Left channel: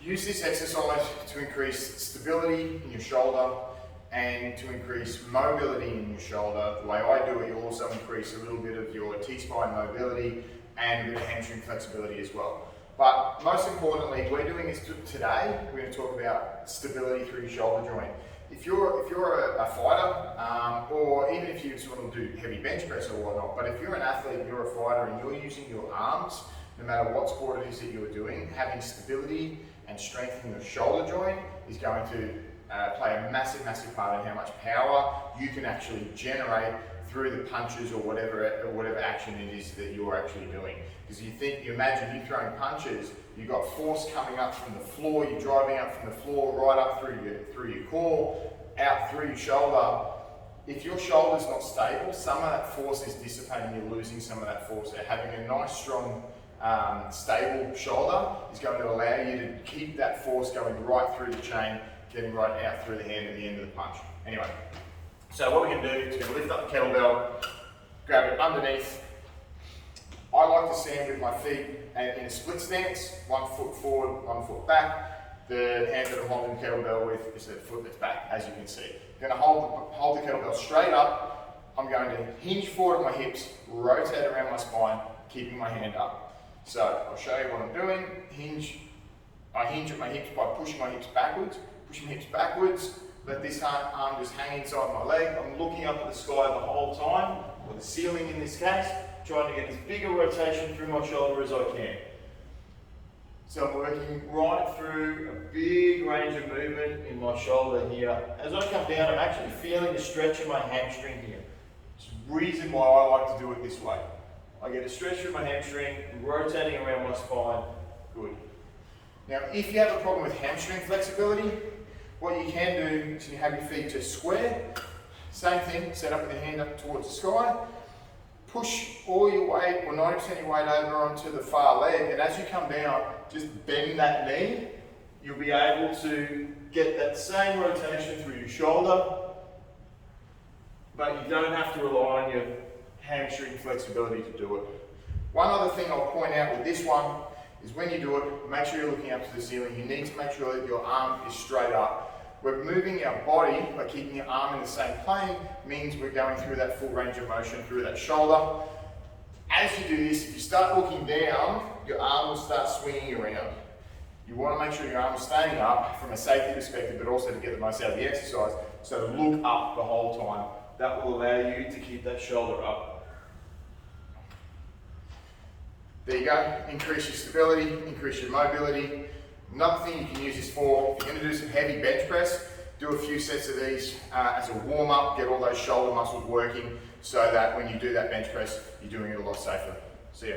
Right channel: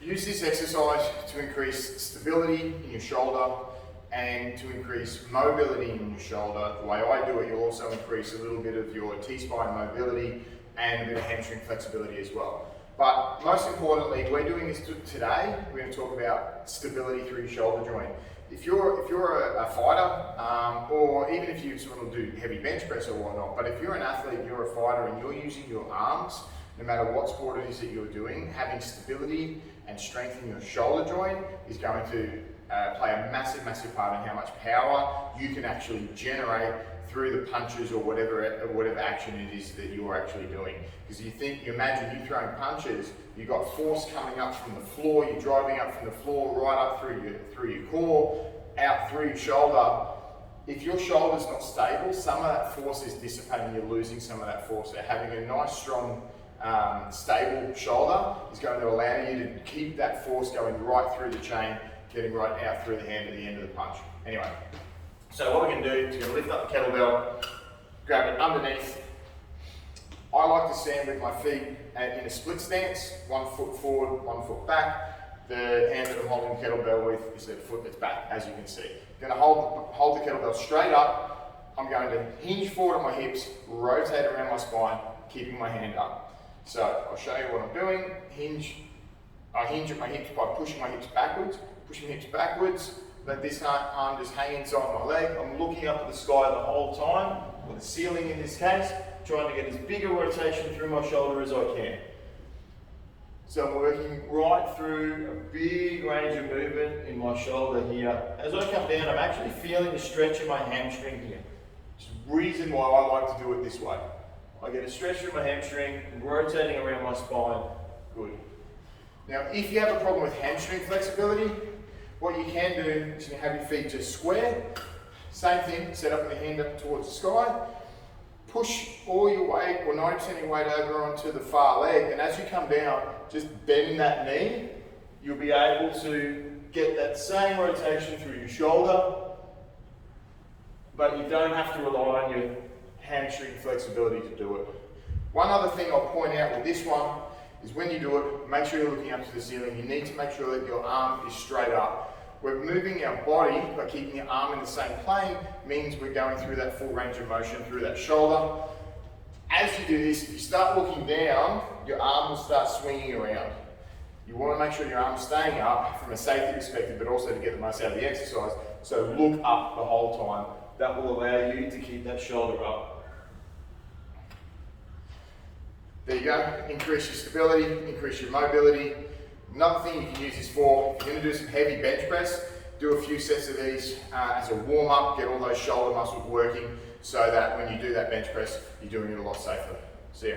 Use this exercise to increase stability in your shoulder and to increase mobility in your shoulder. The way I do it, you'll also increase a little bit of your T-spine mobility and a bit of hamstring flexibility as well. But most importantly, we're doing this today. We're going to talk about stability through your shoulder joint. If you're a fighter, or even if you just want to do heavy bench press or whatnot, but if you're an athlete, you're a fighter, and you're using your arms, no matter what sport it is that you're doing, having stability and strength in your shoulder joint is going to play a massive, massive part in how much power you can actually generate through the punches or whatever action it is that you're actually doing. Because you imagine you throwing punches, you've got force coming up from the floor, you're driving up from the floor right up through your core, out through your shoulder. If your shoulder's not stable, some of that force is dissipating, you're losing some of that force. So having a nice, strong, stable shoulder is going to allow you to keep that force going right through the chain, getting right out through the hand at the end of the punch. Anyway, so what we're going to do is we're going to lift up the kettlebell, grab it underneath. I like to stand with my feet in a split stance, 1 foot forward, 1 foot back. The hand that I'm holding the kettlebell with is the foot that's back, as you can see. I'm going to hold the kettlebell straight up. I'm going to hinge forward at my hips, rotate around my spine, keeping my hand up. So I'll show you what I'm doing. I hinge at my hips by pushing my hips backwards, let this arm just hang inside my leg. I'm looking up at the sky the whole time, or the ceiling in this case, trying to get as big a rotation through my shoulder as I can. So I'm working right through a big range of movement in my shoulder here. As I come down, I'm actually feeling a stretch in my hamstring here. It's the reason why I like to do it this way. I get a stretch through my hamstring, rotating around my spine. Good. Now, if you have a problem with hamstring flexibility, what you can do is you have your feet just square. Same thing, set up with your hand up towards the sky. Push all your weight, or 90% of your weight over onto the far leg, and as you come down, just bend that knee. You'll be able to get that same rotation through your shoulder, but you don't have to rely on your hamstring flexibility to do it. One other thing I'll point out with this one is when you do it, make sure you're looking up to the ceiling. You need to make sure that your arm is straight up. We're moving our body by keeping your arm in the same plane, means we're going through that full range of motion through that shoulder. As you do this, if you start looking down, your arm will start swinging around. You want to make sure your arm's staying up from a safety perspective, but also to get the most out of the exercise. So look up the whole time. That will allow you to keep that shoulder up. There you go, increase your stability, increase your mobility. Another thing you can use this for, if you're going to do some heavy bench press, do a few sets of these as a warm-up, get all those shoulder muscles working so that when you do that bench press, you're doing it a lot safer. See ya.